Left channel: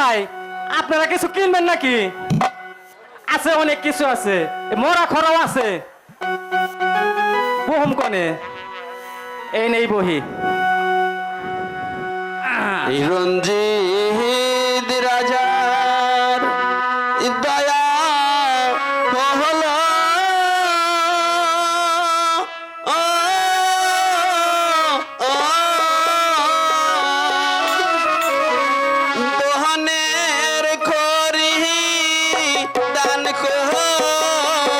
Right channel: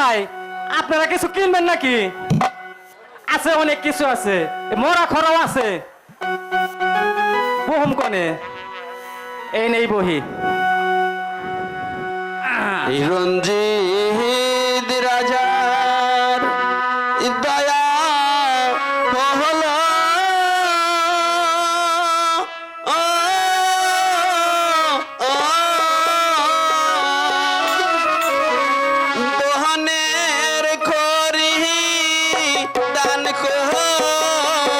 ভাই আপনারা কিছু কিনবেন নাকি? আছে, অনেক কিছু আছে, মরা খরাও আছে। বহম কনে এই নেই বহি। রঞ্জিত রাজার দয়া হল দোহানের খরি দান করিল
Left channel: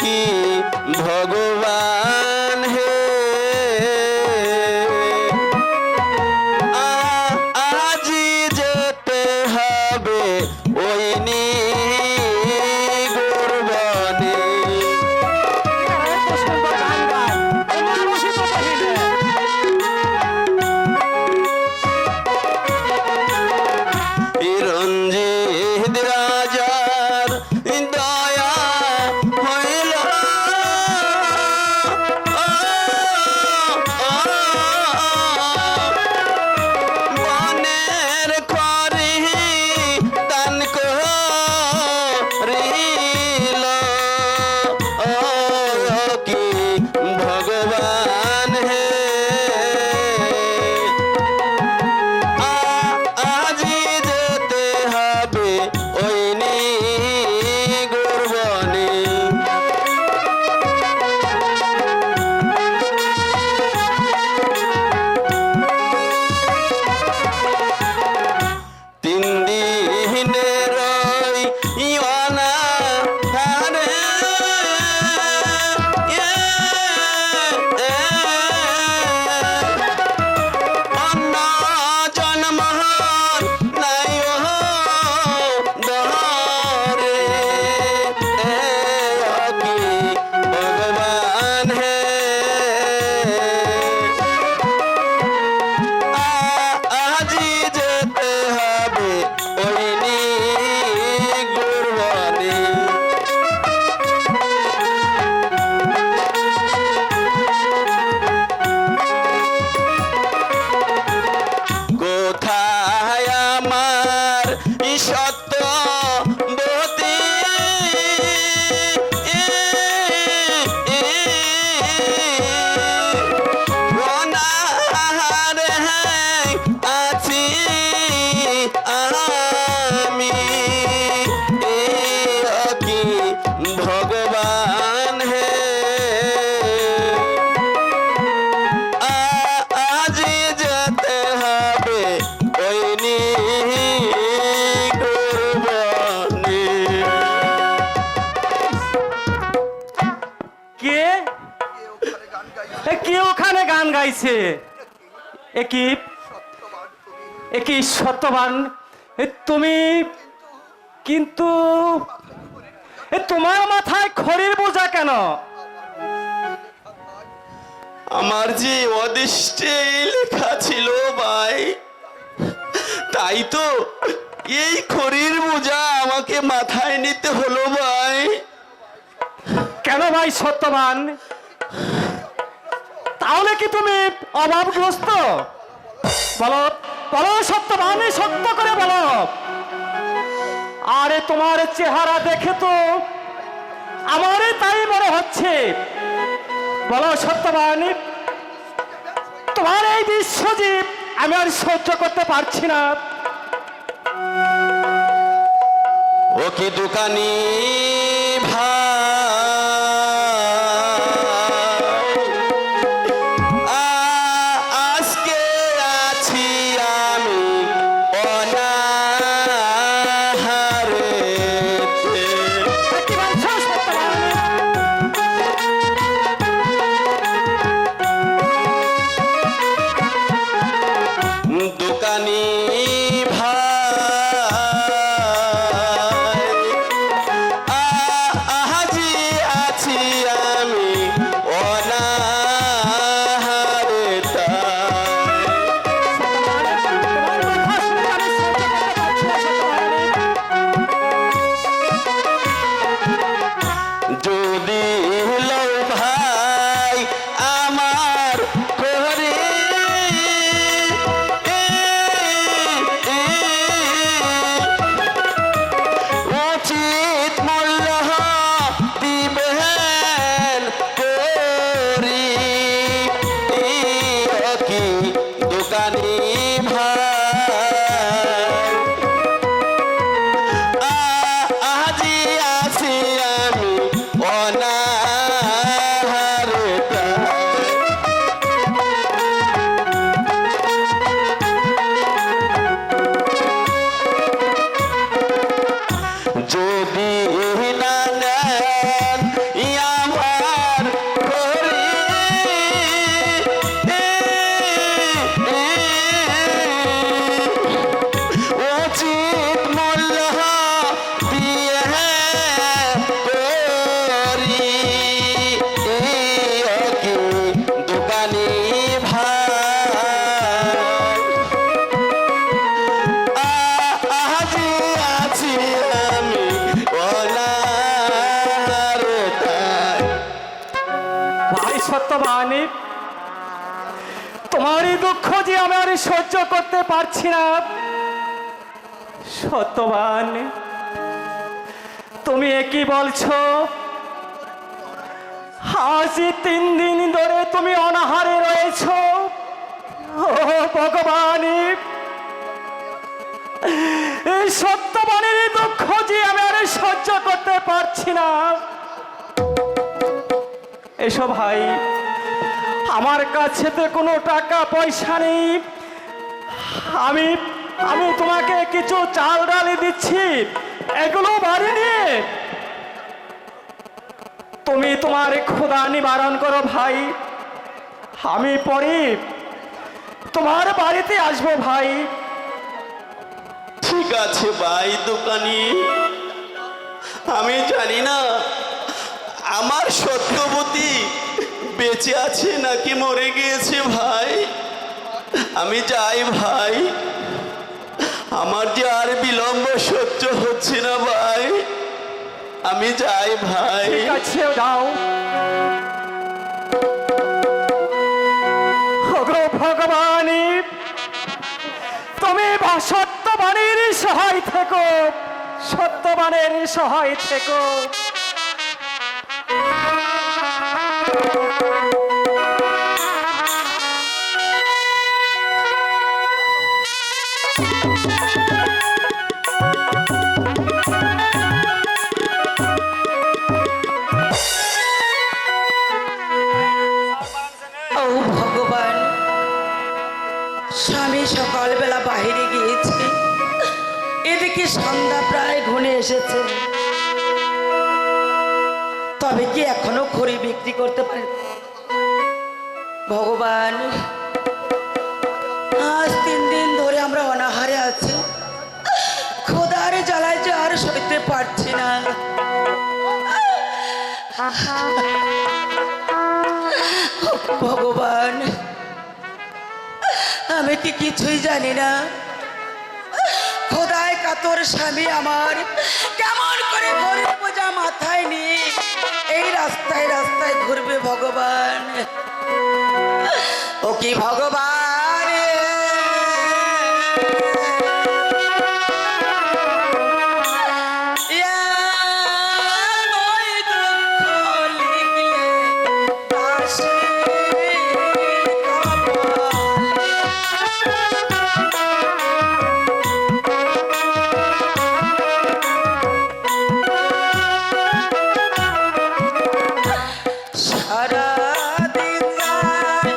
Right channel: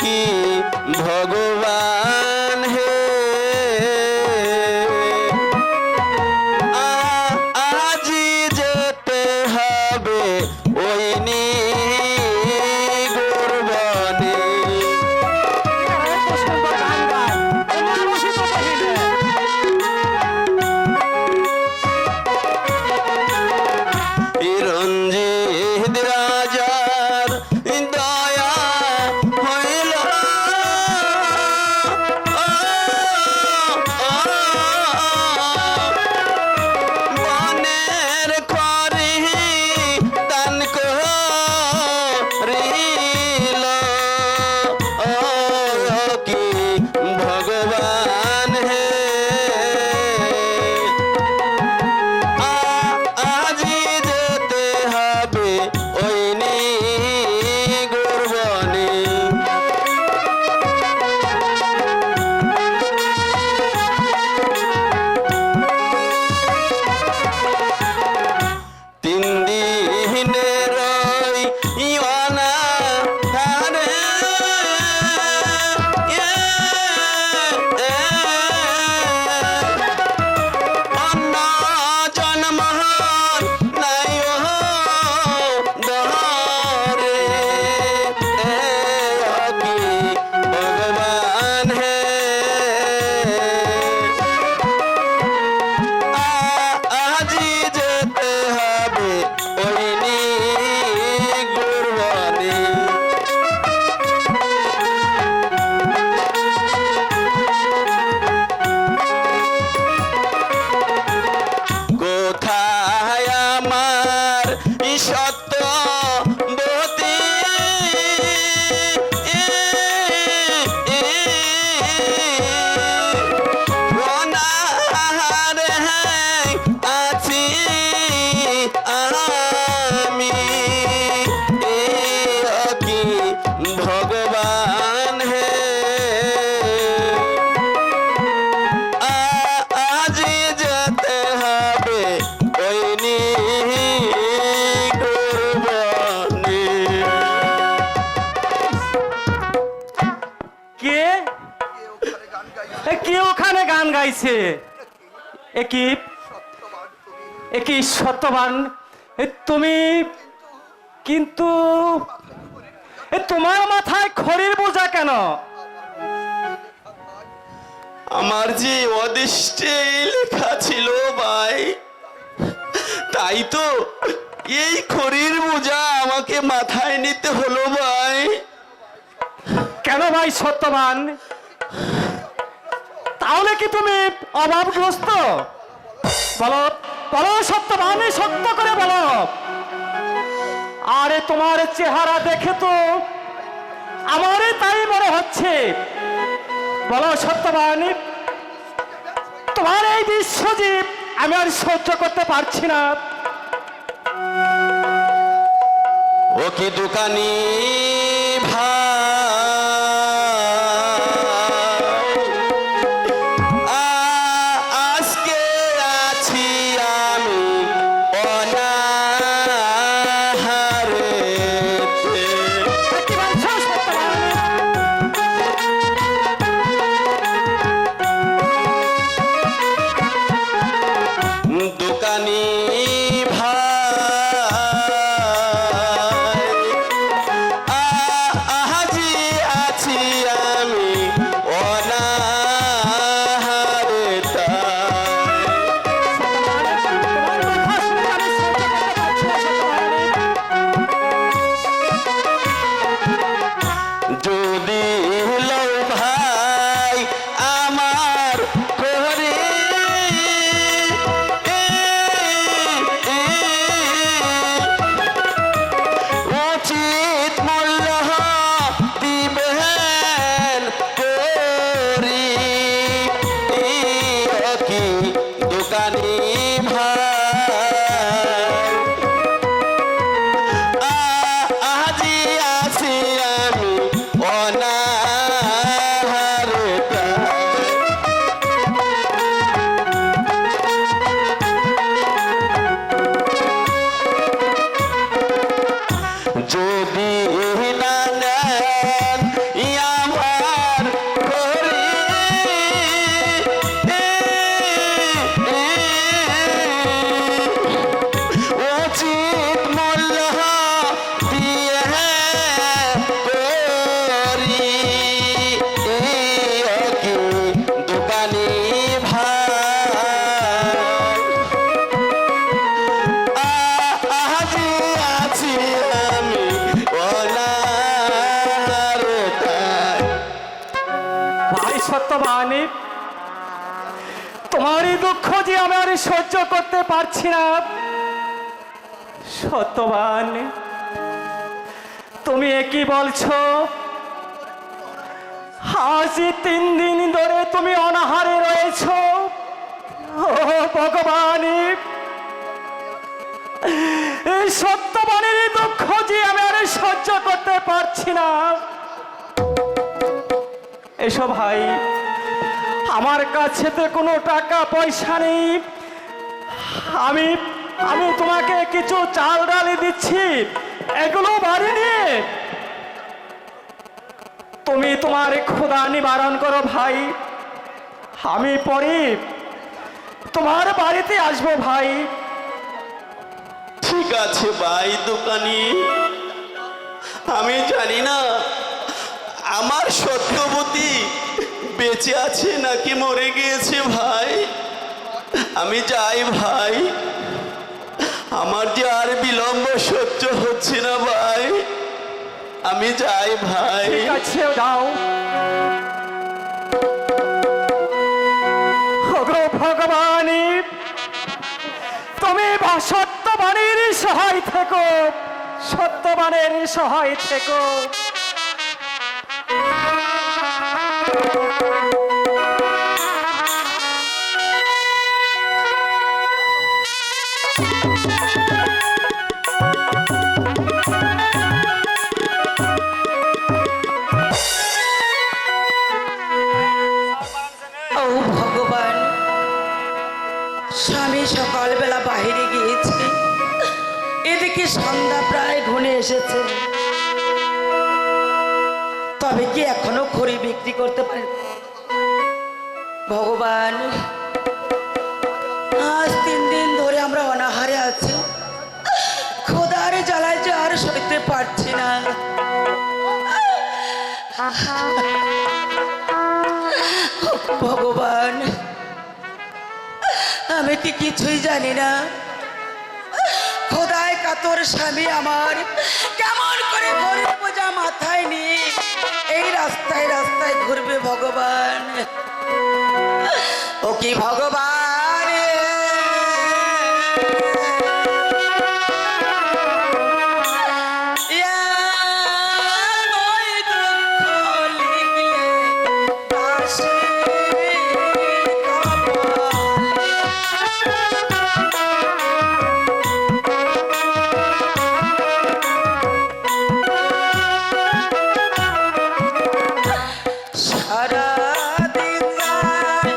কি ভগবান হে আজি যেতে হবে ওই নি গুরবানি রঞ্জিত রাজার দয়া হইল বনের খরি দান করিল কি ভগবান হে আজি যেতে হবে ওই নি গুরবানি তিন দিনের ইওয়ানা হারে অন্য জন্ম নাই দরে কি ভগবান হে আজি যেতে হবে ওই নি গুরবানি কোথায় আমার সত্য বতী অনাহারে আছি আমি কি ভগবান হে আজি যেতে হবে ওই নি গুরবানি কে কে ওখানে গান গাইছে? কি সত্যবান তুমি? কিন্তু তোমার মাথায় খড়ির বোঝা কেন? আমার যে অদৃষ্টে লেখা ছিল ভাই, তাই তো এই খড়ির বোঝা আমাকে মাথায় নিতে হলো ভাই। কেন ভাই সত্যবান? তাহলে কি তুমি অভাবগ্রস্ত? বলো বলো সত্যবান, সত্য করে বলো। আরে তোমার চেহারা দেখে তো আমারই তাই মনে হচ্ছে। বলো সত্যবান, তোমার এই বিশ্বজীব আমি আর সহ্য করতে পারছি না। ও কি দোকানি ভাই, আজকে আছি আমি অনাহারে। কি বলছো সত্যবান? দোকানি ভাই উচিত মূল্য দিবেন করি কি দোকানি ভাই আজি আছি আমি অনাহারে যদি না নেন আমার করি উচিত মূল্য দিয়ে করি কি দোকানি ভাই আজি আছি আমি অনাহারে তাই ভাই সত্যবানী, তোমারই দুঃখ যে আমি আর সহ্য করতে পারছি না। সত্যবান, তুমি একই বলছো, আজ 3 দিন ধরে তুমি অনাহারে রয়েছো। ও ভগবান, এই সত্যবানের দুঃখ যে আমি আর সহ্য করতে পারছি না। এসো ভাই, আমার কাছে তো কোনো টাকা পয়সা নেই। আমি আমি তোমাকে কিছু চাল ডালি দিচ্ছি, এগুলো বাড়ি নিয়ে তুমি তোমার ক্ষুধা নিবারণ করো ভাই। আমি পরে তোমার বাড়িতে আসবো ভাই। ঠিক আছে ভাই দোকানি, আমি জানি না আমার সত্যবতী বেঁচে আছে নাকি মরে গিয়েছে ভাই। আমি যাই ভাই, আমার যে আর বিলম্ব সহ্য হচ্ছে না ভাই। আমি যাই ভাই। ঠিক আছে, যাও। ওগো ভগবানী, তুমি সত্যবানের সহায় থেকো, সত্যবানের সহায় থেকো। ও ভগবান, স্বামী সকালবেলা বাইরে গিয়েছে, এদিকে সন্ধ্যা প্রায় ঘনিয়ে এসেছে, তবে কি এখনো খড়ি বিক্রি করতে পারে? ভগবান, আজ 3 দিন ধরে আমরা অনাহারে আছি, খোদার জ্বালায় যে আর সইতে পারছি না। ভগবান, আমি কি কিছুই জানি না খোদায় কাতর স্বামী আমার কেমন করে গরিব বোঝা মাথায় নিয়ে এই রাস্তায় রাস্তায় ঘুরবে। ভগবান, ও কি ভগবান, সারা দিন যায়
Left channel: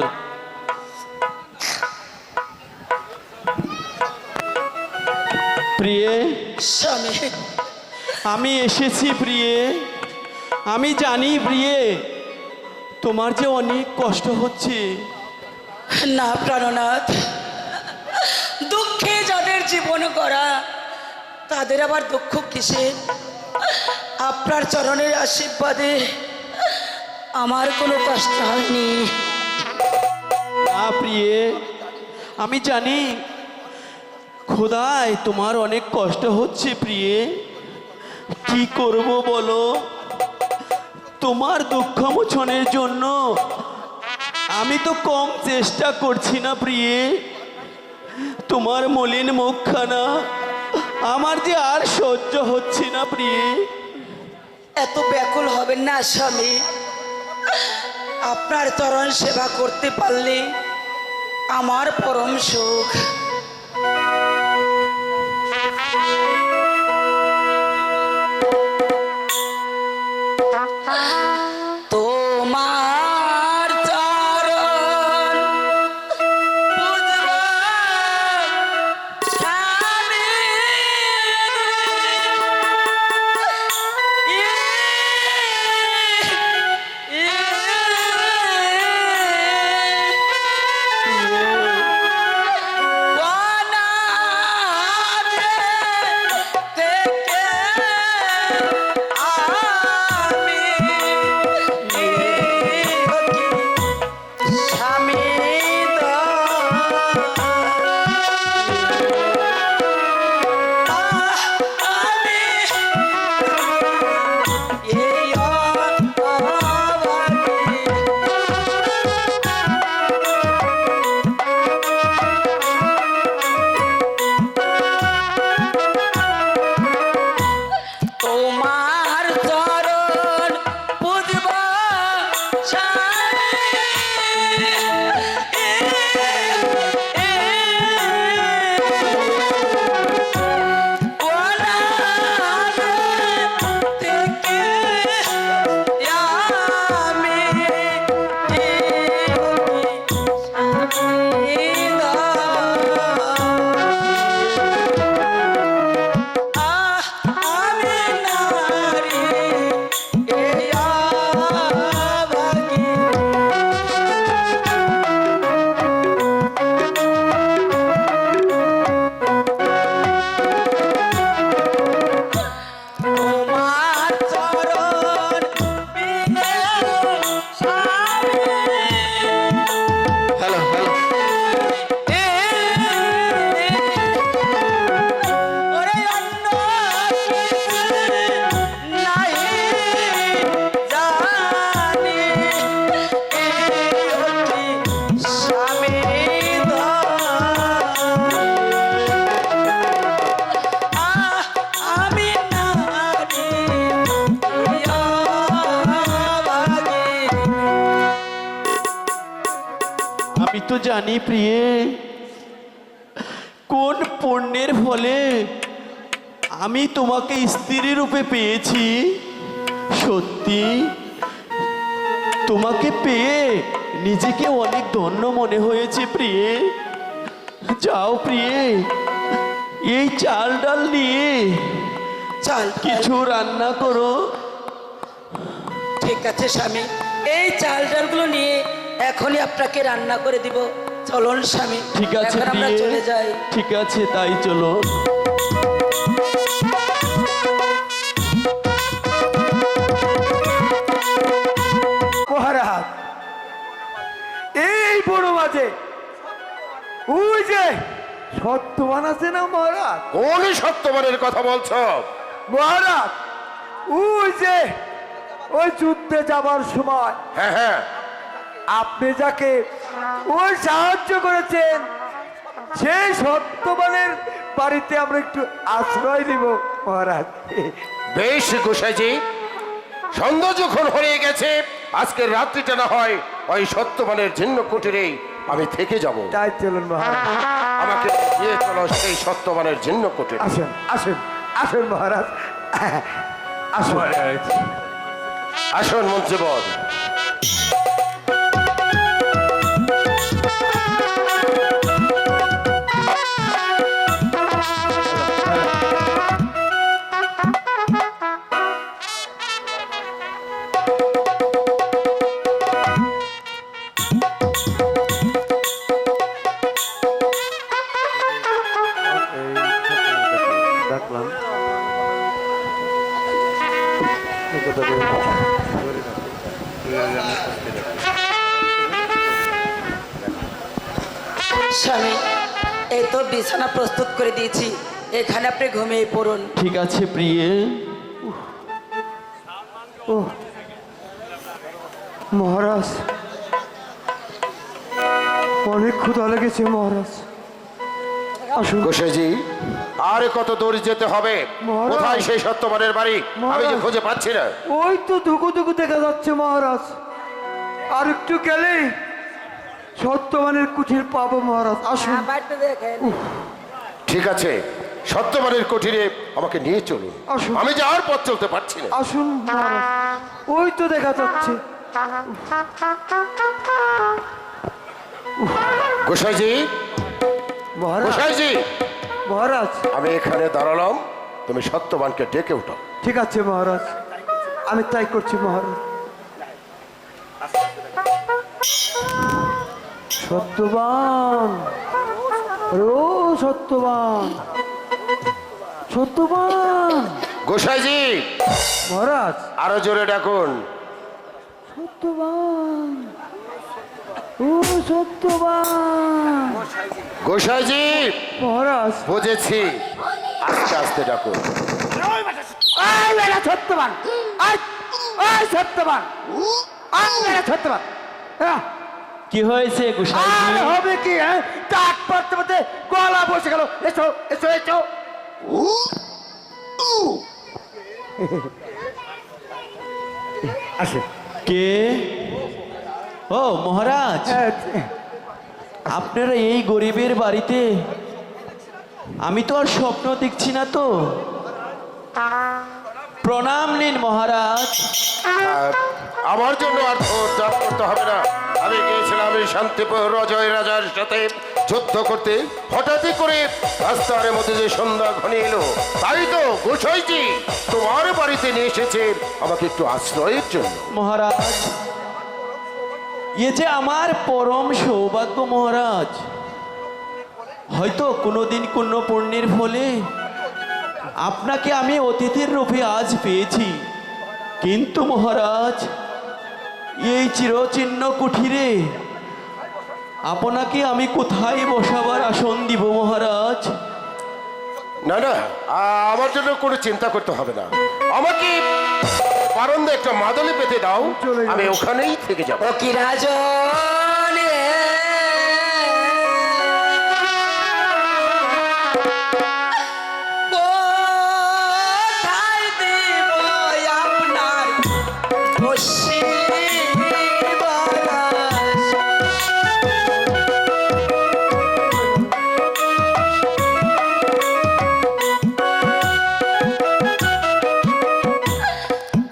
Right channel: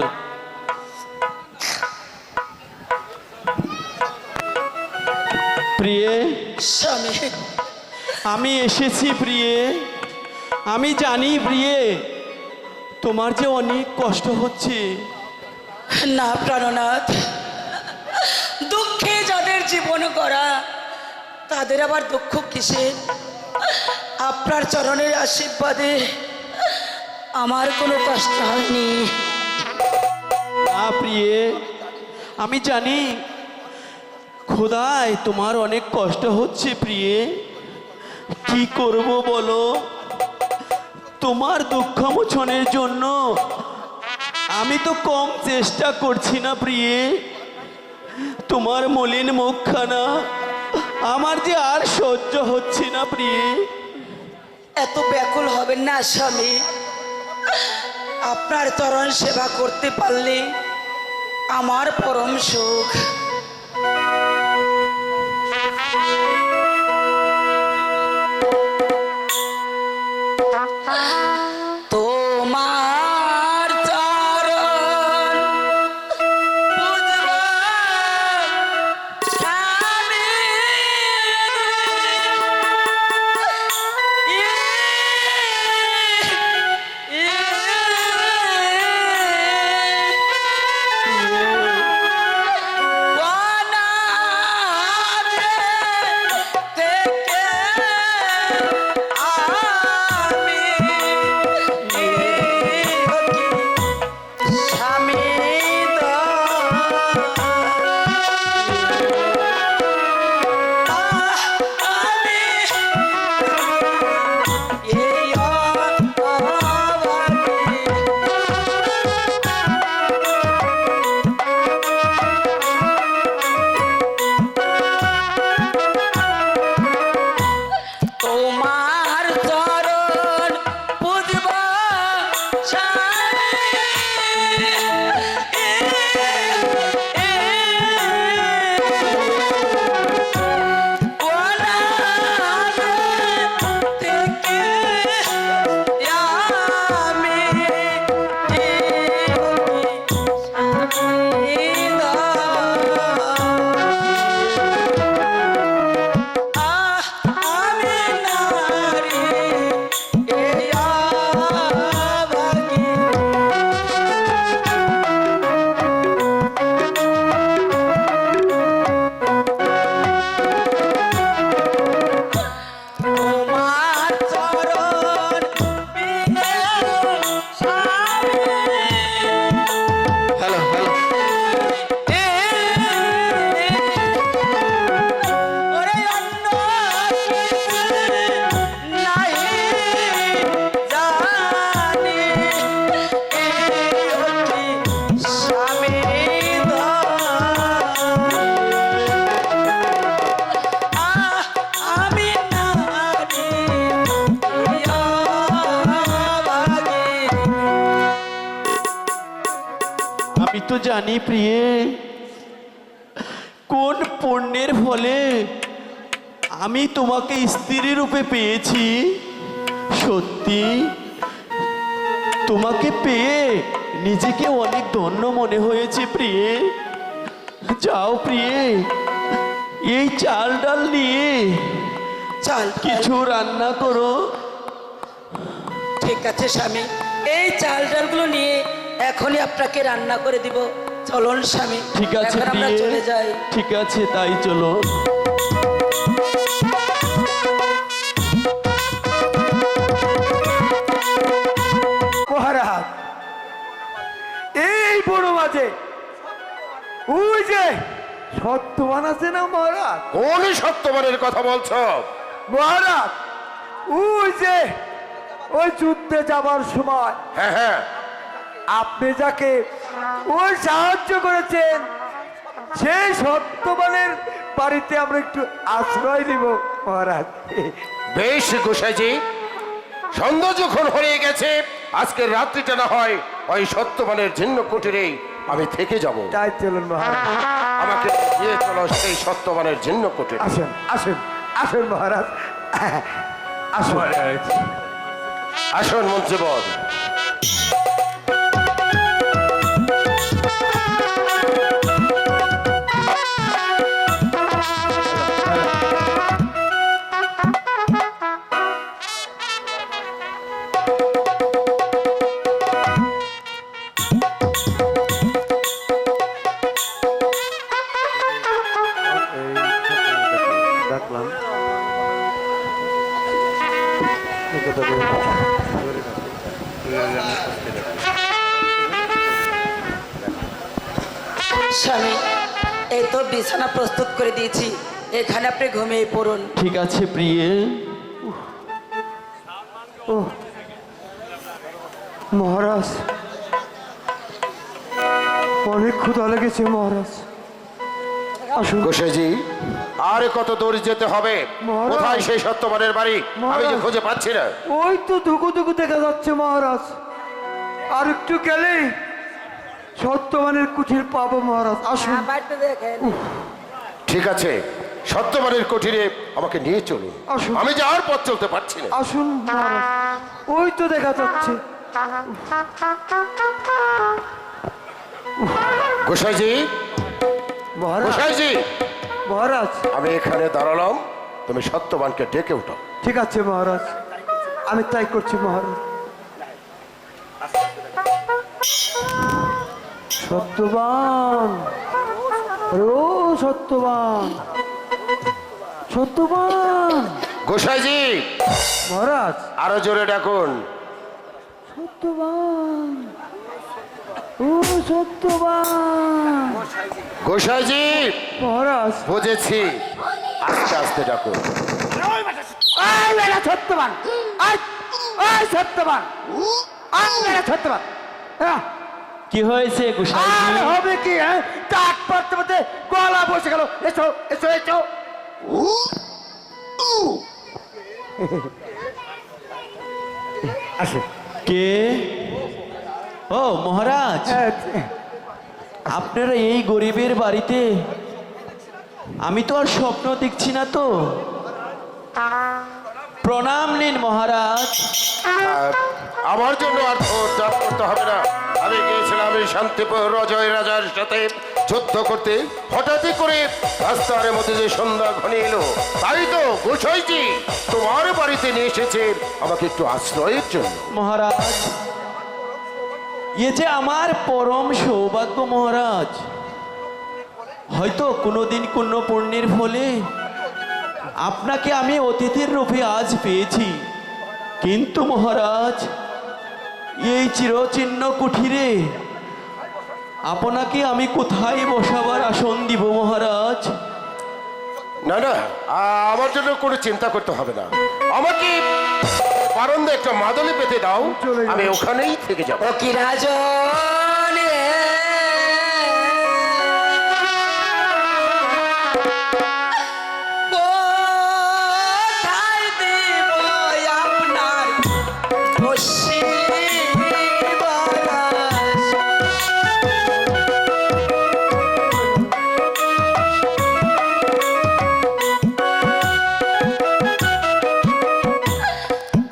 হ্যালো। প্রিয়ে, স্বামী, আমি এসেছি প্রিয়ে। আমি জানি প্রিয়ে, তোমার যে অনেক কষ্ট হচ্ছে। না প্রাণনাথ, দুঃখে যাদের জীবন গড়া তাদের আবার দুঃখ কিসে? আপনার চরণের আশীর্বাদে আমার কোনো কষ্ট হয়নি। না প্রিয়ে, আমি জানি খোদায় তোমার অনেক কষ্ট হচ্ছে প্রিয়ে। কি করব বলো? তোমার দুঃখ মোচনের জন্য আমি তো কম চেষ্টা করছি না প্রিয়ে। তোমার মলিন মুখখানা আমার যে আর সহ্য হচ্ছে না প্রিয়ে। এত ব্যাকুল হবেন না স্বামী, আপনার চরণ সেবা করতে পারলে আমার পরম সুখ। তোমার চরণ বুঝব স্বামী, তোমার চরণ বুঝব তোমার চরণ বিনে স্বামী, হ্যালো হ্যালো। ওরে অন্য কিছু নাই জানি, এই অতি স্বামী আমি নারী আমি তো জানি প্রিয়ে, কোন পুণ্যের ফলে আমি তোমাকে স্ত্রী রূপে পেয়েছি। সত্যি তোমাকে পেয়ে নিজেকে অনেক ধন্য মনে হয়েছে প্রিয়ে। যাও প্রিয়ে, এই চাল ডাল নিয়ে চল কিছু রান্না করো। ঠিক আছে স্বামী, এই চাল ডালগুলো নিয়ে এখনই আপনাকে রান্না করে দিব। চলুন স্বামী, ঠিক আছে এখন আমরা প্রিয়ে, চলে যাই। ঠিক আছে তাই চলো। মহারাজ, এই বড় মাঝে ওই যে সত্যবান আছে না মহারাজ? কোন সত্যবানের কথা বলছো? মহারাজ, ওই যে ওই যুদ্ধে যাবার সময় হ্যাঁ হ্যাঁ, আপনি যাকে ওই সাহায্য করেছেন, সেই সত্যবানের বাড়িতে আমরা একটু আশ্রয় দিব মহারাজ। বেশ গোসাইজি, সন্ধ্যা যখন হয়ে গেছে, আজকের রাত্রিটা না হয় ওই সত্যবানের জীর্ণ কুটিরেই আমি থেকে যাব। তাই চলুন মহারাজ, আমাকে নিয়ে চলো সেই সত্যবানের জীর্ণ কুটিরে। আসেন আসেন আসেন মহারাজ, আসুন। আসুন মন্ত্রীবর। স্বামী, এই তো বিছানা প্রস্তুত করে দিয়েছি, এখানে আপনি ঘুমিয়ে পড়ুন। ঠিক আছে প্রিয়ে। মহারাজ, অনেক ক্ষুধা লেগেছে মহারাজ। আসুন। গোসাইজি, আর কত দূর যেতে হবে? মহারাজ। কোথায় সেই সত্যবানের বাড়ি? আমি যে মহারাজ। খুঁজে পাচ্ছি না। ওই তো ধুকু ধুকু দেখা যাচ্ছে মহারাজ, আর একটু গেলেই সত্যবানের কুঠির পাবো মহারাজ। আসুন। ঠিক আছে, সত্যবানের কুঠিরে আমাকে নিয়ে চলুন। আসুন। আমি যে আর পথ চলতে পারছি না। আসুন মহারাজ, ওই তো দেখা যাচ্ছে। গোসাইজি, মহারাজ, গোসাইজি, মহারাজ, আমি এখানে দাঁড়ালাম, তুমি সত্যবানকে ডেকে উঠো। ঠিক আছে মহারাজ, আমি তাই করছি মহারাজ। সত্যবান, ও সত্যবান, সত্যবান। গোসাইজি, মহারাজ, আরো জোরে ডাকুন। সত্যবান, ও সত্যবান। গোসাইজি, মহারাজ, বুঝেছি, আস্তে আস্তে ডাকুন। আয় বেটা সত্যবান, আয়, আয় সত্যবান, আয় বেটা সত্যবান। হ্যাঁ, কি হয়েছে আর গোসাইজি? হবে কি? হ্যাঁ, ডাক পড়তে পড়তে গলা বসে গেল। এসো এসো এসো। আসে। কে? ও মহারাজ, হ্যাঁ, আপনারা এই গরিবের বাড়িতে? আমি তো আর স্বপ্ন দেখছি না তো। প্রণাম নিন মহারাজ। আর আমার জন্য আর জব করতে হবে না। আমি গিয়েছিলাম এই শান্তিপুর অজয় রাজার সাথে যুদ্ধ করতে। হঠাৎই করে রাস্তার মধ্যে যে সন্ধ্যা ঘনিয়ে এলো, তাই তো গোসাইজি তোমার বাড়িতে নিয়ে এসেছে আমাকে একটু আশ্রয়ের জন্য। মহারাজ, এ যে আমার পরম সৌভাগ্য মহারাজ। হয়তো কোনোদিন কোনো পুণ্যের ফলে আপনাকে আমি অতিথির রূপে আজ পেয়েছি, কিন্তু মহারাজ এই চিরচিহ্ন কুঠিরে আপনাকে আমি কোথায় বসাবার আসন দিব মহারাজ? না না, আমার জন্য কোনো চিন্তা করতে হবে না। আমাকে বারান্দায় একটা মাদলি পেতে দাও, আমি ওখানেই থেকে যাবো। ও কি রাজন রে, কোথায় দিব আপনার বসিবার?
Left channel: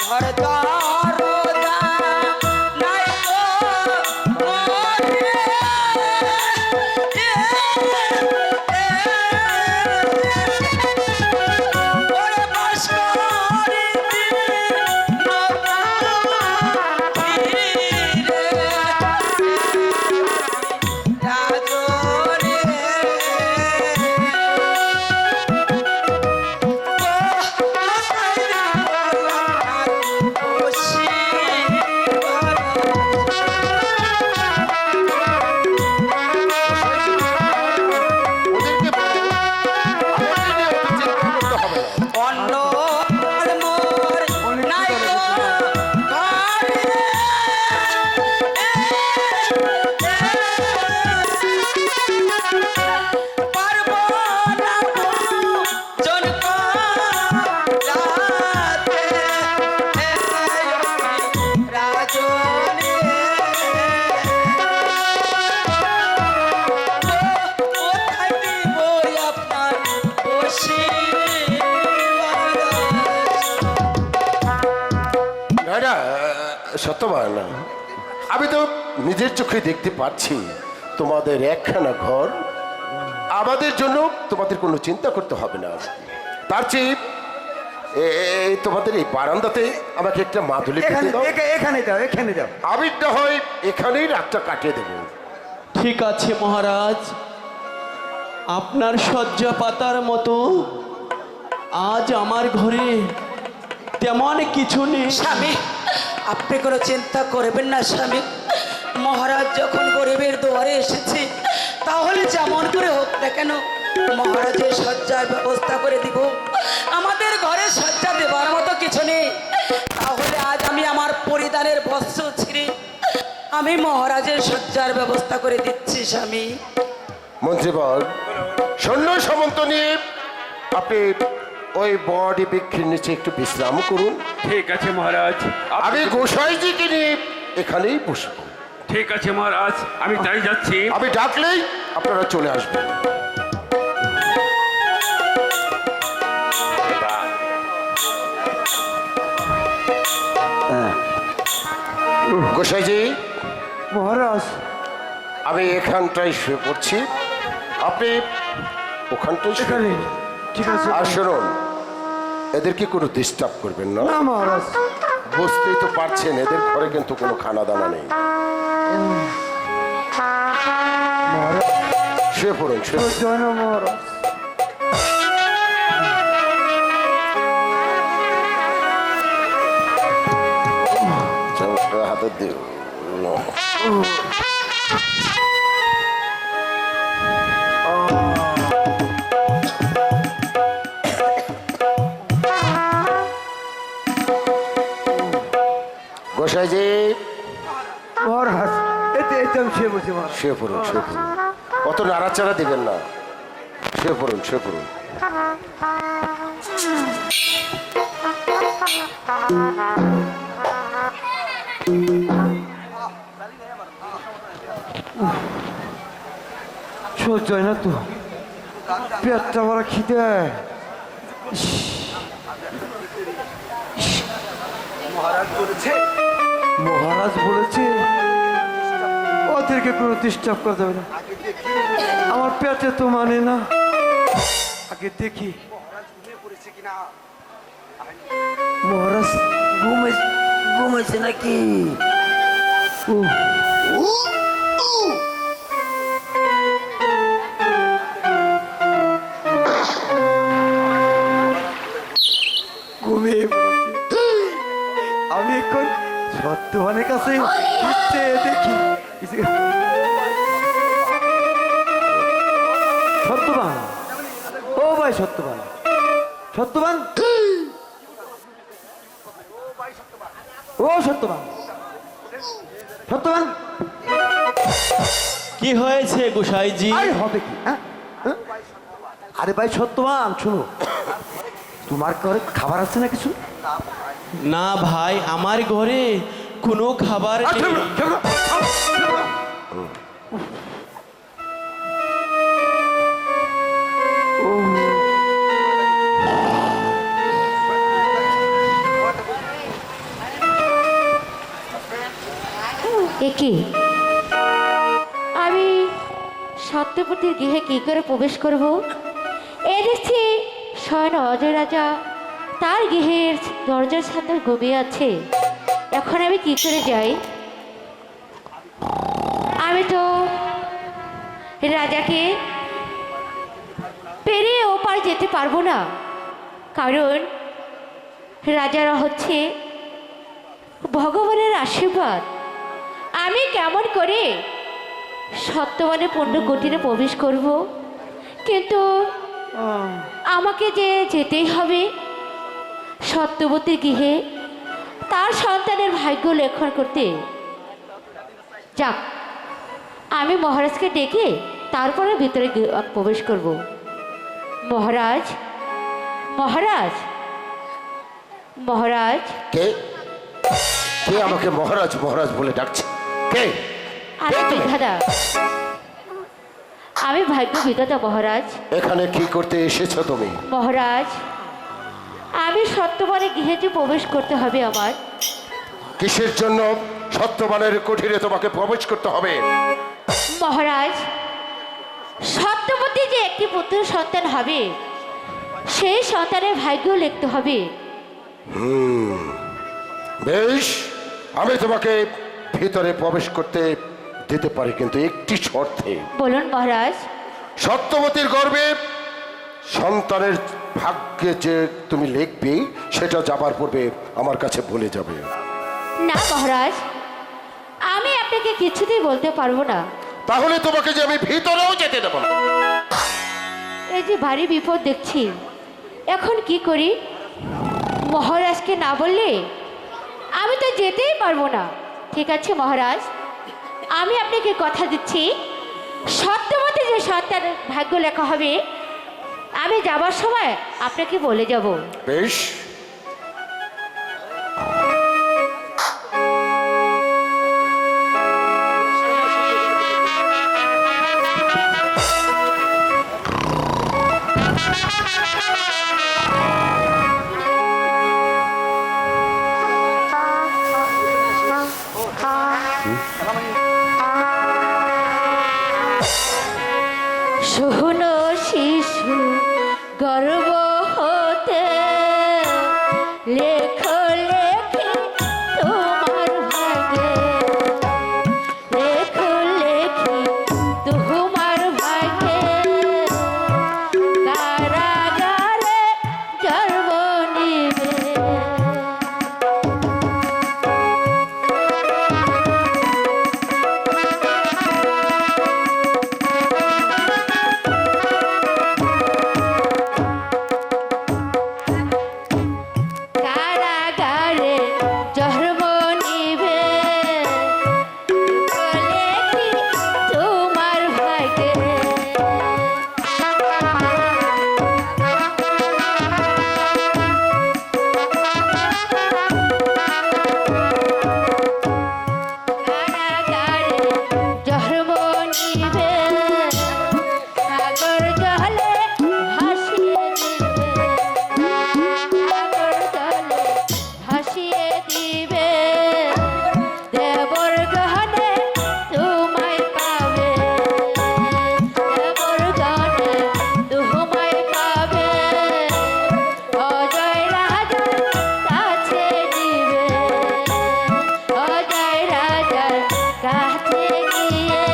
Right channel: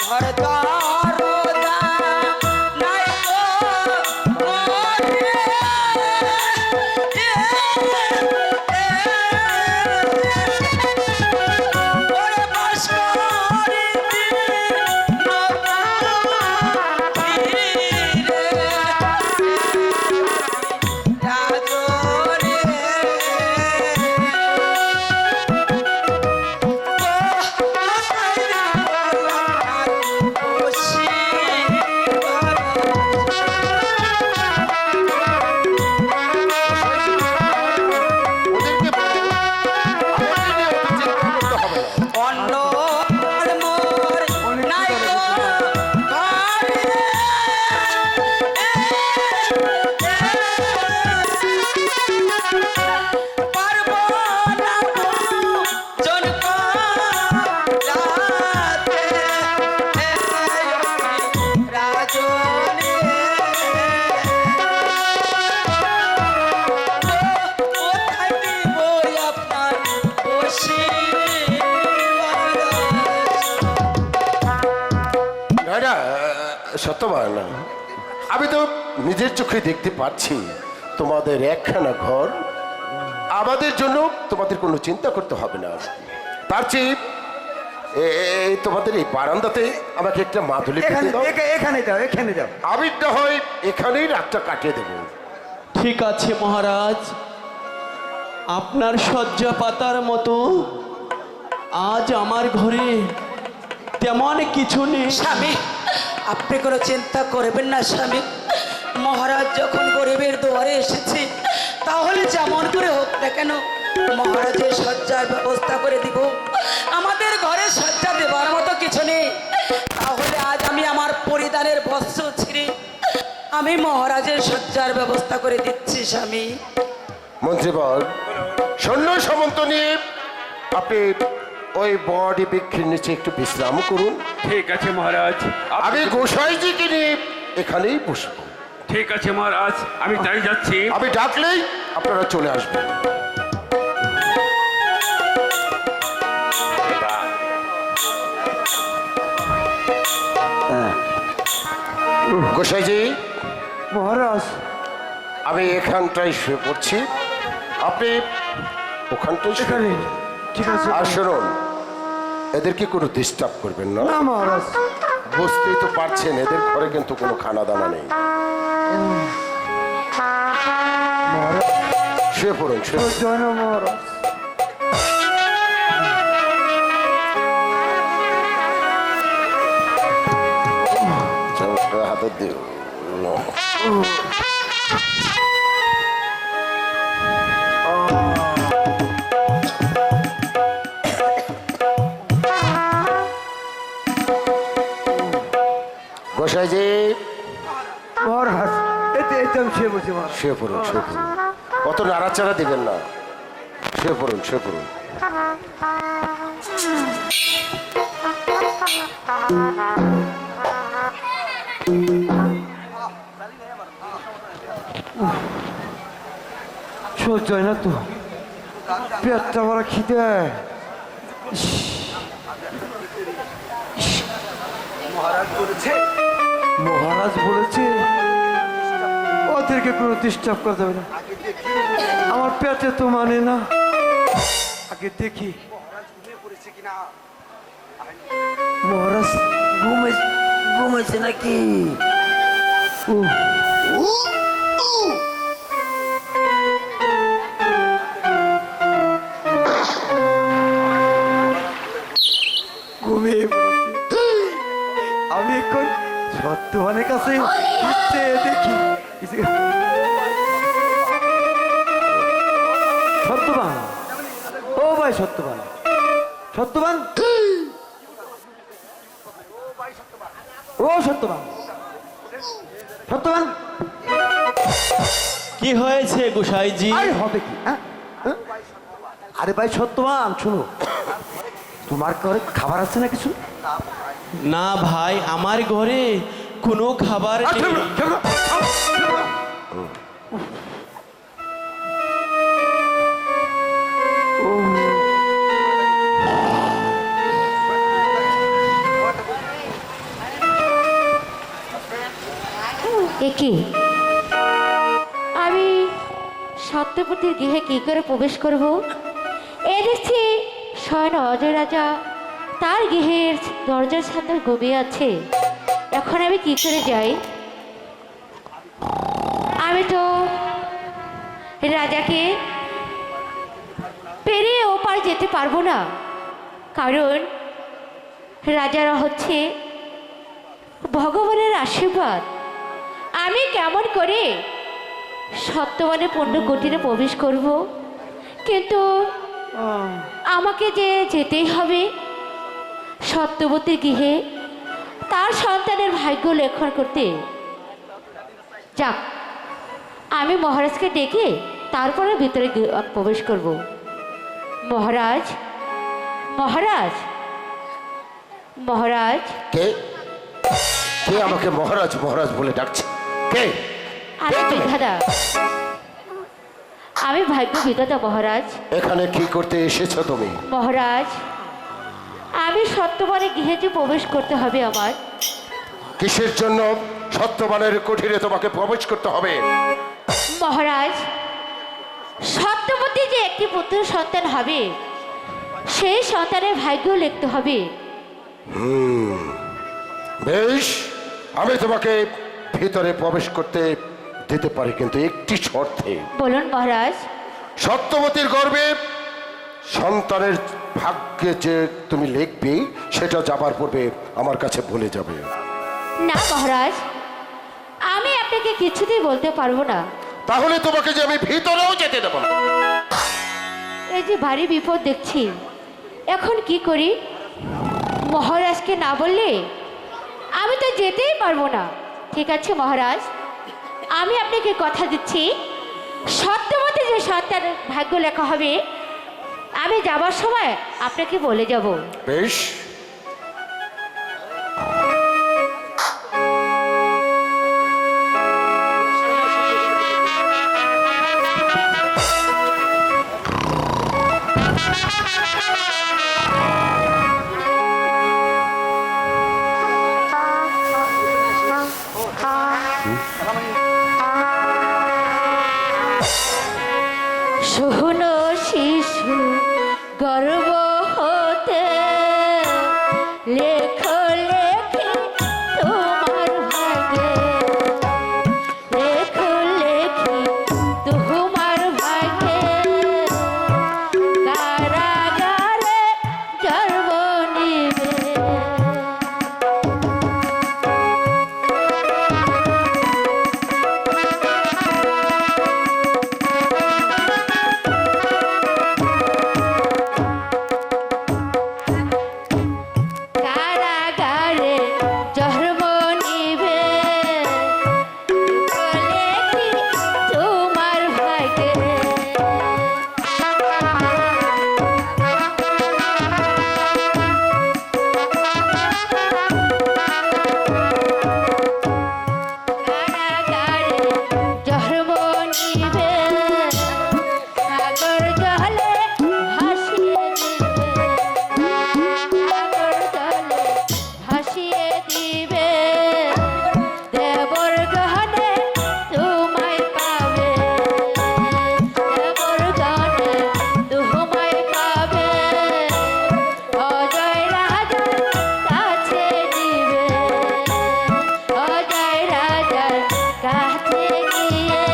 ঘর দরজা নাই গো মনে, ওরে বাস করিতে নগরীরে, রাজরে ওদেরকে বলো, আমাকে নিয়ে অত চিন্তা করতে হবে না। অন্য মোর নাই গো ঘরে, পারব না জন রাতে রাজনে, কোথায় দিব আপনার বসিবার? না না, সত্যবান, আমি তো নিজের চোখে দেখতে পাচ্ছি তোমাদের একখানা ঘর। আমাদের জন্য তোমাদের কোনো চিন্তা করতে হবে না। তার চেয়ে এই তোমাদের এই বারান্দাতে আমাকে একটা মাদুলি পেতে এখানে দাও। এখানে দাও, এখানে দাও। আমি না হয় এখানেই রাতটা কাটিয়ে দেবো। ঠিক আছে মহারাজ, আপনার শয্যা পাতার মতো আজ আমার ঘরে তেমন কিছু নেই। স্বামী, আপনি কোনো চিন্তা করবেন না স্বামী। মহারাজ যখন গরিবের দুয়ারে এসেছে, তাহলে যেমন করে হোক না কেন মহারাজের শয্যার ব্যবস্থা করে দিব। আমাদের ঘরে শয্যা দেওয়ার মতো কিছু নেই, তাহলে আজ আমি আমার পরিধানের বস্ত্র ছিঁড়ে আমি মহারাজের শয্যার ব্যবস্থা করে দিচ্ছি স্বামী। মন্ত্রীবর, সৈন্য সামন্ত নিয়ে আপনি ওই বড়ি বৃক্ষের নিচে একটু বিশ্রাম করুন। ঠিক আছে মহারাজ। আমি গোসাইজিকে নিয়ে এখানেই বসবো। ঠিক আছে মহারাজ, আমি তাই যাচ্ছি। আমি ডাকলেই আপনারা চলে আসবেন। গোসাইজি, মহারাজ, আমি এখানটায় শুয়ে পড়ছি, আপনি ওখানটায় শুয়ে এখানে পড়ুন। ঠিক আছে। আর শুনুন, এদেরকে কোনো ডিস্টার্ব করবেন না। না মহারাজ। বুঝতেই তো পারছেন এদের ঘরে কিন্তু কোনো খানা দানা নেই। শুয়ে পড়ুন, শুয়ে পড়ুন। জয় না মহারাজ। হাতে দিও। গোসাইজি, মহারাজ, এতে আমি শুয়ে বলছি মহারাজ। শুয়ে পড়ুন, শুয়ে পড়ুন। অত নাড়াচাড়া দিবেন না, শুয়ে পড়ুন, শুয়ে পড়ুন। সহ্য হয় না তো, পেটটা বড় খিদে। মহারাজ বলেছে ওদেরকে কোনো ডিস্টার্ব করা যাবে না। আমার পেটে তো মানে না, আগে দেখি। মহারাজ ঘুমাইছে নাকি? ঘুমিয়ে পড়েছে। আমি এখন সত্যবানের কাছে দেখি। সত্যবান, ও ভাই সত্যবান, সত্যবান, ও সত্যবান, সত্যবান। কি হয়েছে গোসাইজি? আরে হবে কি? হ্যাঁ? হ্যাঁ? আরে ভাই সত্যবান, শুনো, তোমার ঘরে খাবার আছে না কিছু? না ভাই, আমার ঘরে কোনো খাবার নেই। একি আমি সত্যপতির গৃহে কি করে প্রবেশ করব? এ দেখছি স্বয়ং অজয় রাজা তার গৃহের দরজার সামনে ঘুমিয়ে আছে। এখন আমি কি করে যাই? আমি তো রাজাকে পেরিয়ে ওপার যেতে পারবো না, কারণ রাজারা হচ্ছে ভগবানের আশীর্বাদ। আমি কেমন করে সত্যবানে পূর্ণ কুটিরে প্রবেশ করব? কিন্তু আমাকে যে যেতেই হবে সত্যবতীর গৃহে তার সন্তানের ভাগ্য লেখন করতে। যাক, আমি মহারাজকে ডেকে তারপরে ভিতরে প্রবেশ করব। মহারাজ, মহারাজ, মহারাজ। কে কে আমাকে মহারাজ মহারাজ বলে ডাকছে? কে? আমি বিধাতা, আমি ভাগ্য বিধাতা মহারাজ। এখানে কি করতে এসেছো তুমি? মহারাজ, আমি সত্যবানে গৃহে যে প্রবেশ করতে হবে আমার। কিসের জন্য সত্যবানের কুঠিরে তোমাকে প্রবেশ করতে হবে? মহারাজ, সত্যবতী যে একটি পুত্র সন্তান হবে, সেই সন্তানের ভাগ্য লিখতে হবে। বেশ, আমি তোমাকে ভিতরে প্রবেশ করতে দিতে পারি, কিন্তু একটি শর্তে। বলুন মহারাজ। সত্যবতীর গর্ভে সন্তানের ভাগ্যে যে তুমি লিখবে সেটা যাবার পূর্বে আমার কাছে বলে যাবে। না মহারাজ, আমি আপনাকে কিছুতেই বলতে পারবো না। তাহলে তোমাকে যে আমি ভিতরেও যেতে দেবো না। এই যে ভারী বিপদ দেখছি, এখন কি করি? মহারাজকে না বললে আমি তো যেতেই পারবো না। ঠিক আছে মহারাজ, আমি আপনাকে কথা দিচ্ছি, সত্যমতে যে সন্তানের ভাগ্য লেখা হবে আমি যাবার সময় আপনাকে বলে যাব। বেশ, শুনো শিশু গর্ব হতে লেখো লেখি তোমার ভাগে, লেখো লেখি তোমার ভাগে, কারাগারে জন্ম নিবে। কারাগারে জন্ম নিবে, লেখি তোমার ভাগে। কারাগারে জন্ম নিবে, সাগর জলে ভাসিয়ে দিবে, সাগর জলে ভাসিয়ে দিবে, দেবর গহনে তোমায় পাবে, দেবর গহনে তোমায় পাবে, অজয় রাজার কাছে দিবে, অজয় রাজার কাছে গিয়ে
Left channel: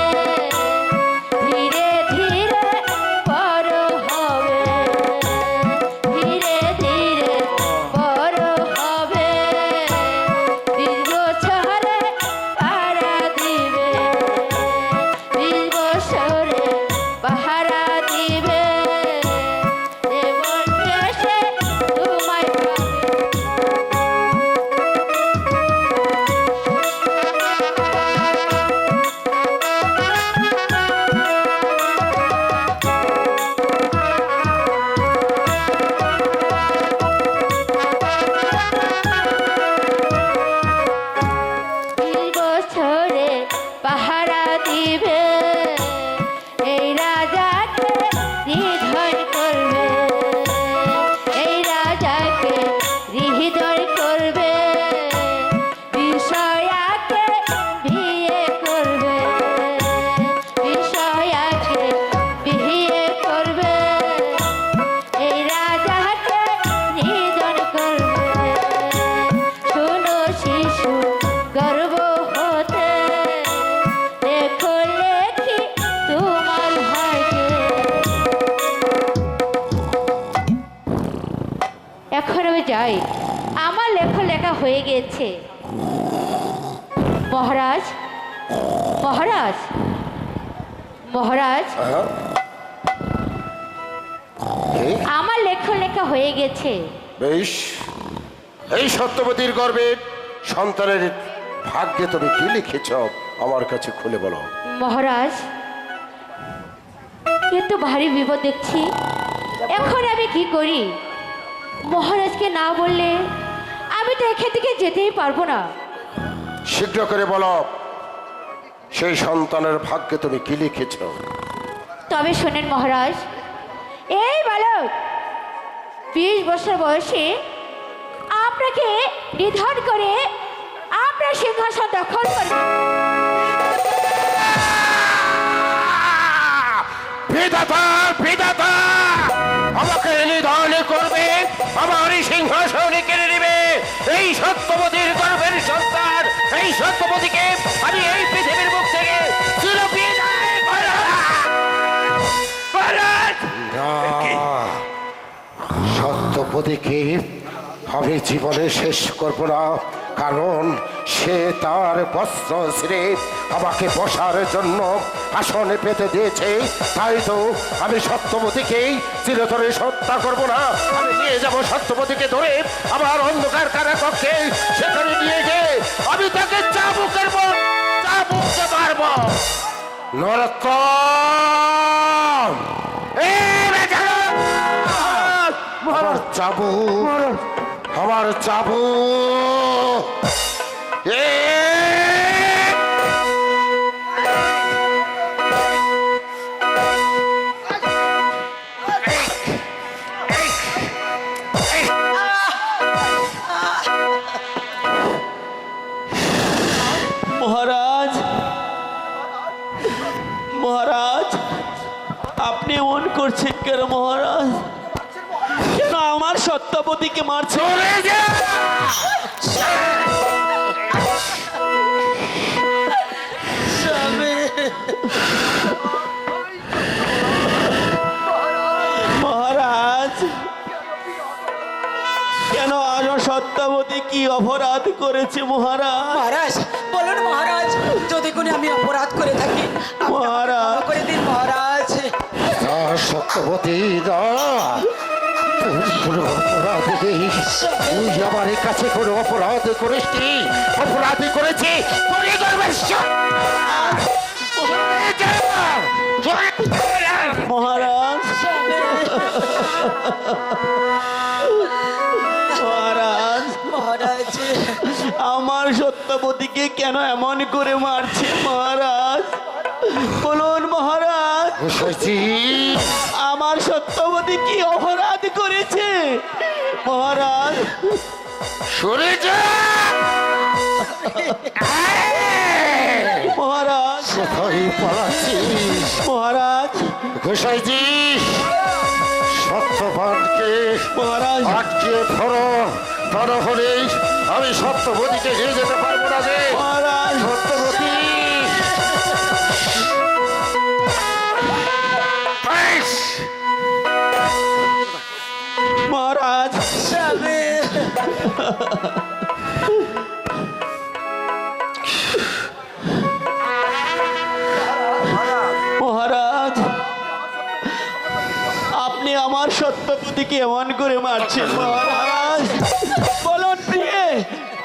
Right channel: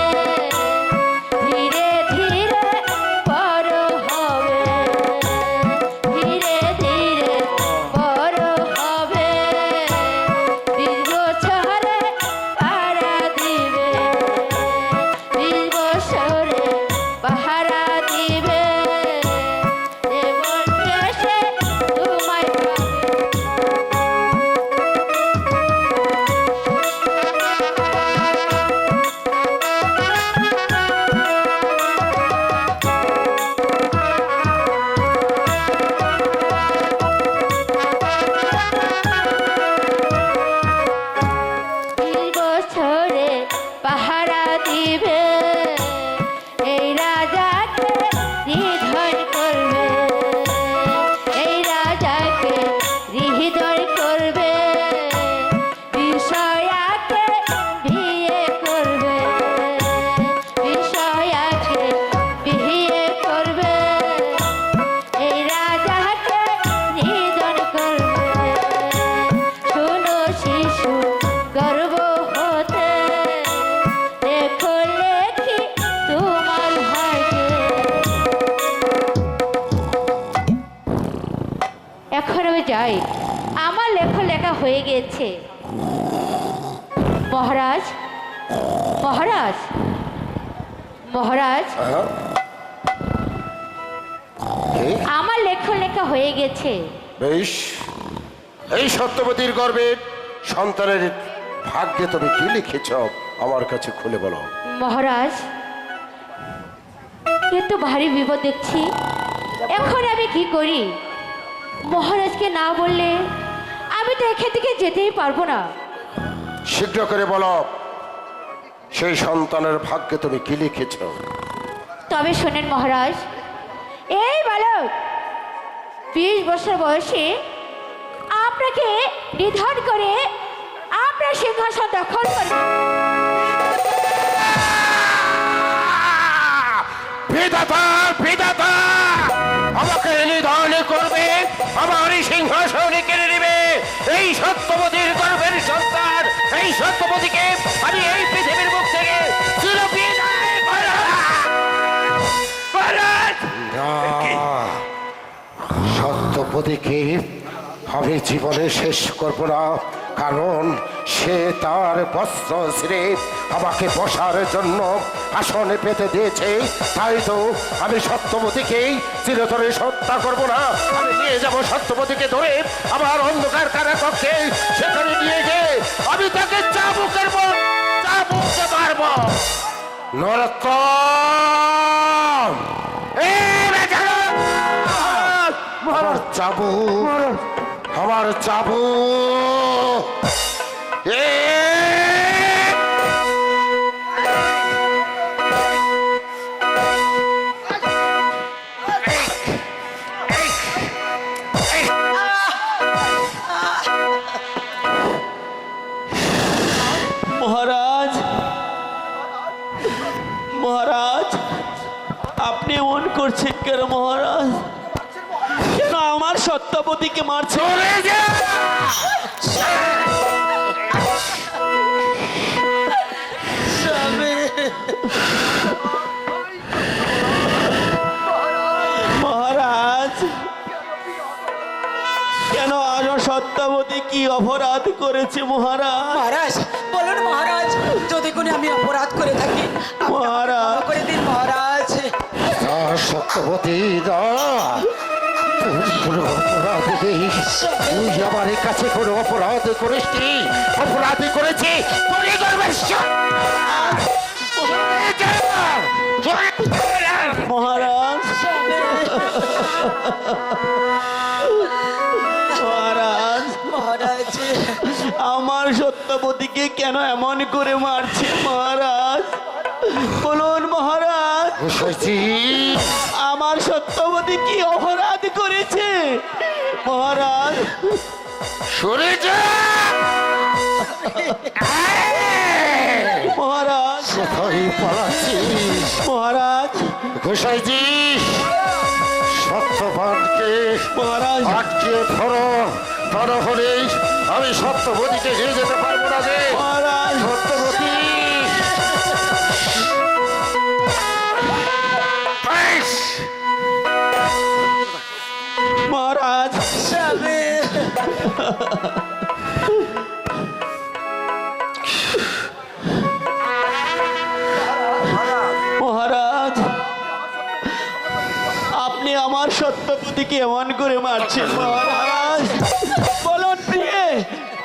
ধীরে ধীরে বড় হবে, ধীরে ধীরে বড় হবে, 20 বছরে পাহারা দিবে, 20 বছরে পাহারা দিবে, দেবর এসে তোমায় পাবে। বছরে পাহারা দিবে, এই রাজাকে নিধন করবে, এই রাজাকে হৃদয় করবে, বিষয়াকে বিয়ে করবে, বিষয়াকে বিয়ে করবে, এই রাজাকে নিধন করবে। শোনো শিশু গর্ব হতে লেখো লেখি তোমার ভাগে। এখন আমি যাই, আমার লেখা হয়ে গেছে। মহারাজ, মহারাজ, মহারাজ, হ্যাঁ? কি? আমার লেখা হয়ে গেছে। বেশ, এই সত্যবতীর গর্বের সন্তানের ভাগ্যে তুমি কি লিখেছ আমার কাছে খুলে বলো। মহারাজ, কিন্তু ভারী বিপদ দেখছি, এখন আমি কি করি? মহারাজকে না বললে আমি তো এখান থেকে যেতেই পারবো না। শীঘ্র করে বলো সেই সন্তানের ভাগ্যে তুমি কি লিখেছ। তবে শোনেন মহারাজ, এই বালক 20 বছর বয়সে আপনাকে নিধন করে আপনার সিংহাসন দখল করবে। বিধাতা, বিধাতা আমাকে নিধন করবে, আমার এই সিংহাসন কেড়ে নেবে। এই সত্যবতীর গর্ভের সন্তান, এই সত্যবতীকে আমি এই পৃথিবীর মুখ থেকে চিরবিদায় করব। মহারাজ! না, সত্যবতীকে আমি জীবনে শেষ করব না, কারণ সে তার বস্ত্র ছিঁড়ে আমাকে বসার জন্য আসনে পেতে দিয়েছে। তাই তো আমি সত্যবতীকেই চিরতরে হত্যা করব না। আমি নিয়ে যাব সত্যবতীকে ধরে আমার অন্ধকার কারাকক্ষে, সেখানে নিয়ে গিয়ে আমি তাকে চাবুকের চাবুককে মারব। নরকম আমার চাবুক, আমার চাবুক। মহারাজ, মহারাজ, আপনি এমন করছেন কেন মহারাজ? কেন আমার সত্যবতীকে মারছেন? মহারাজ, কেন আমার সত্যবতী কি অপরাধ করেছে মহারাজ? মহারাজ বলুন মহারাজ, যদি কোনো আমি অপরাধ করে থাকি আপনি আমাকে মহারাজ। ক্ষমা করে দিন মহারাজ। সত্যবতী না, তুই কোনো অপরাধ নেই। তুই আমার কাছে কোনো অপরাধ করিস নি। অপরাধী করেছি তুই করবে। মহারাজ, মহারাজ, মহারাজ আমার সত্যবতীকে কেন এমন করে মারছে মহারাজ? বলুন মহারাজ, আমার সত্যবতী কি অপরাধ করেছে মহারাজ? সরে যা মহারাজ, কোথায় পালাচ্ছিস? মহারাজ, গোসাইজি সত্যবানকে মহারাজ, আটকে ধরো, তা না হলেই আমি সত্যবতীকে নিয়ে যেতে পারবো না। যে মহারাজ, সত্যবতী মহারাজ, মহারাজ, আপনি আমার সত্যবতীকে এমন করে মারছেন মহারাজ? বলুন প্রিয়ে,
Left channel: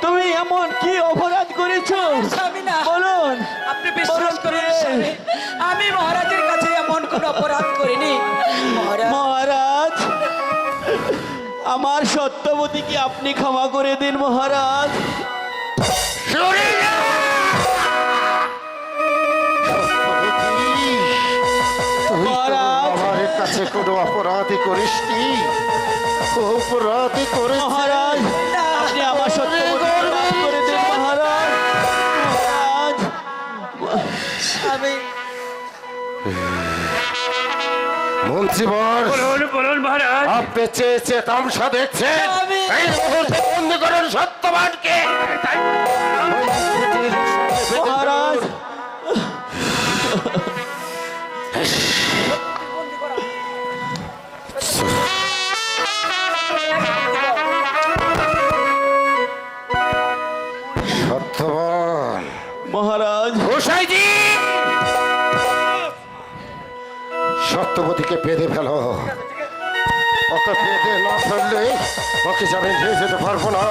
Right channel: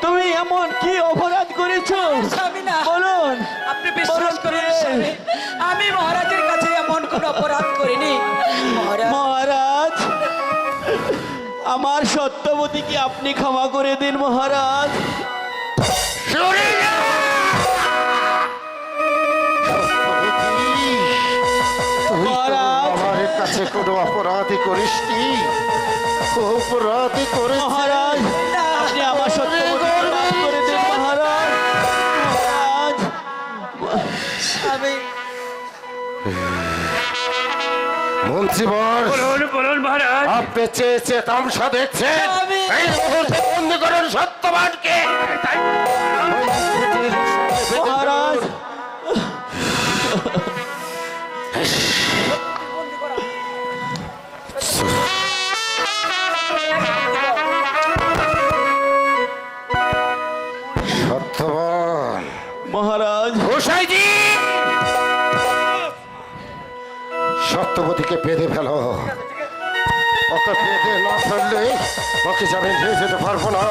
তুমি এমন কি অপরাধ করেছো? স্বামী না, বলুন, আপনি বিশ্বাস করুন বলুন স্বামী, প্রিয়ে। আমি মহারাজের কাছে এমন কোন অপরাধ করিনি মহারাজ। মহারাজ, আমার সত্যবতীকে আপনি ক্ষমা করে দিন মহারাজ। মহারাজ, আমার কাছে কোনো অপরাধী করিসনি। অপরাধী করে মহারাজ, আপনি আমার সত্যবতীকে মাফ করে দিন মহারাজ। মহারাজ, স্বামী মন্ত্রীবর, বলুন বলুন মহারাজ। আপনি চেয়েছে তামসা দেখছেন। আমি- এই মুহূর্তে বন্দি করুন সত্যবানকে। মহারাজ, সত্যবান মহারাজ, গোসাইজি, সত্যবতীকে বেঁধে ফেলো। ওকে বেঁধে না ফেললে ওকে যাবে নিয়ে যেতে পারবো না।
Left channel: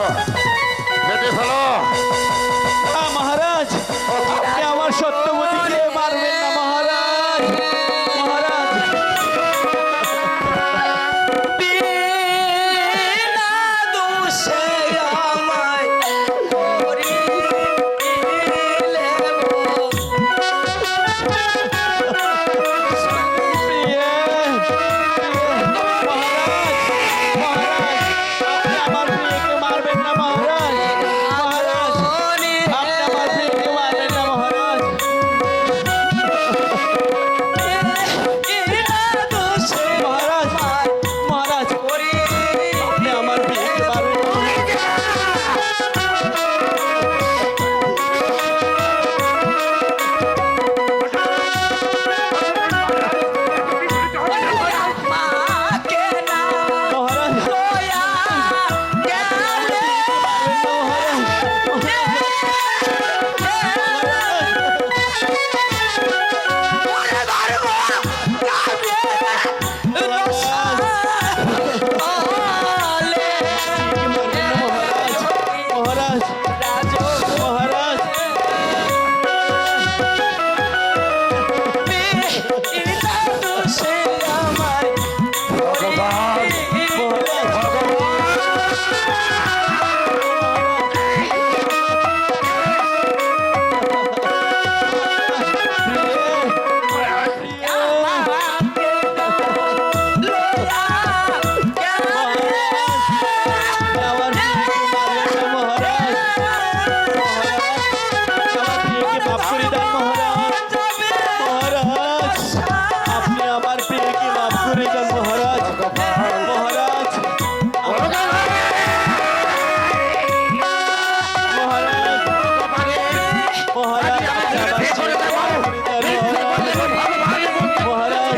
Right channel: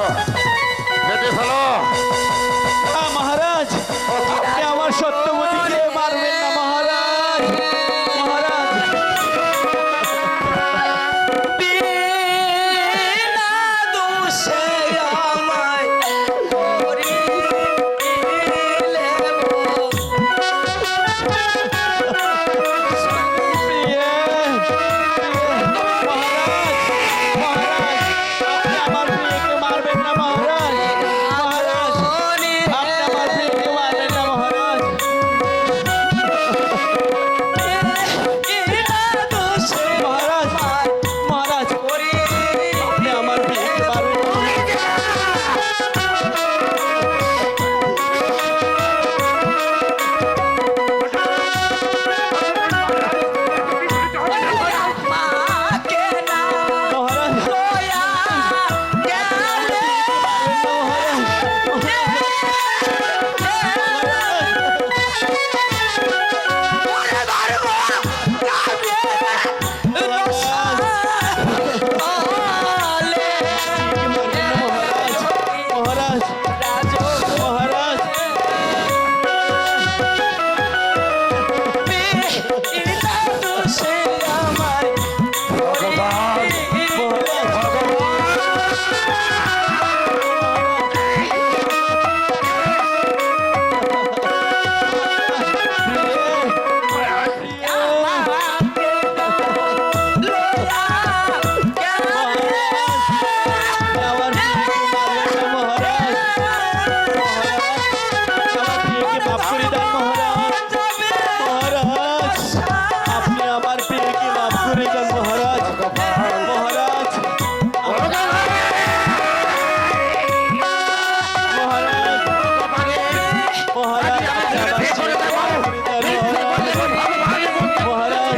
বেঁধে ফেলো। মহারাজ, আপনি আমার সত্যবতীকে মারবেন না মহারাজ। মহারাজ, বিনা দোষে আমায় করিলে প্রিয়ে, মহারাজ, আপনি আমার প্রিয়কে মারবেন না মহারাজ। মহারাজ, আপনি আমার প্রিয়কে মারবেন না মহারাজ। মহারাজ মহারাজ সে আমার ভগবান মহারাজ আমার প্রিয়কে মারবেন না, মহারাজ আমার প্রিয়কে মাফ করে দেন মহারাজ মহারাজ আপনি আমার প্রিয়কে মাফ করে দেন মহারাজ মহারাজ মহারাজ মহারাজ আপনি আমার প্রিয়কে মাফ করে দেন মহারাজ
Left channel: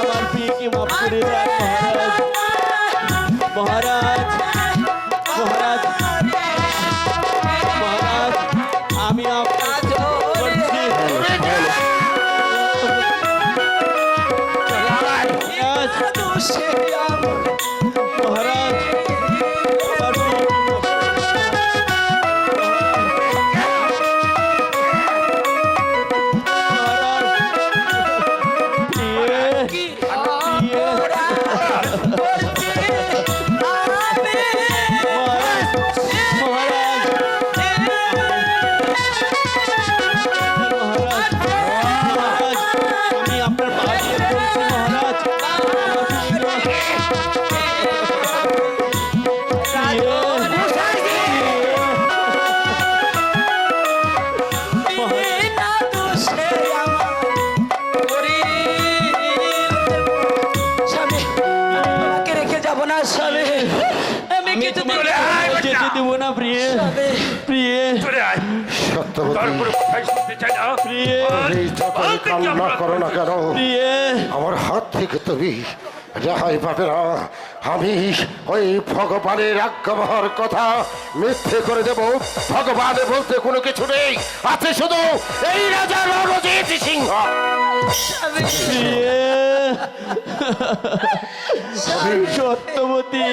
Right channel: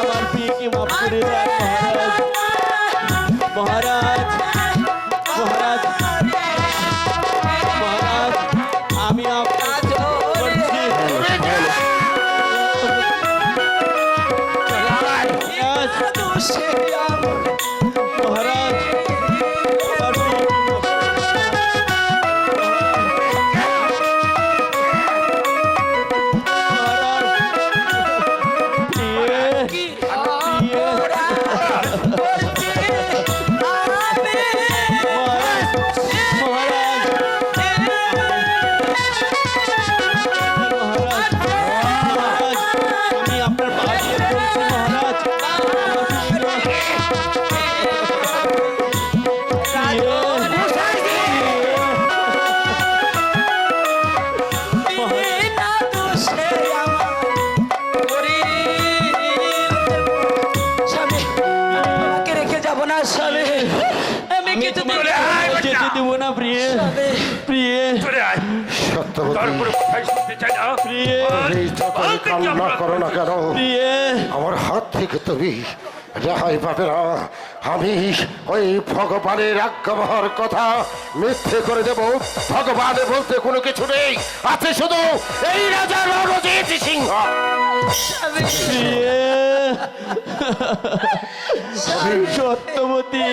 আমার প্রিয়কে মাফ করে দেন মহারাজ মহারাজ মহারাজ আমি আপনার করছি মহারাজ আমার আমি আপনার পা দিয়ে বলছি মহারাজ রেখে যাব না স্বামী আমি আমি কিছু তোমাকে যেতে দেবো না প্রিয়ে প্রিয়ে চলে আয় সত্যবতী তারপরে কথাই শুনতে চাই না প্রিয়ে এই যতই কান্না করো না কেন প্রিয়ে আমার হাত থেকে তুমি রেহাই পাবে না। আমি ওই ভগবানের আজ্ঞাবহর কথা মিথ্যে করে দেব। ভগবান বলতে কোনো কিছু নেই, আছে শুধু এই রাজা রণজিৎ সিংহ। প্রিয়ে সত্যবতী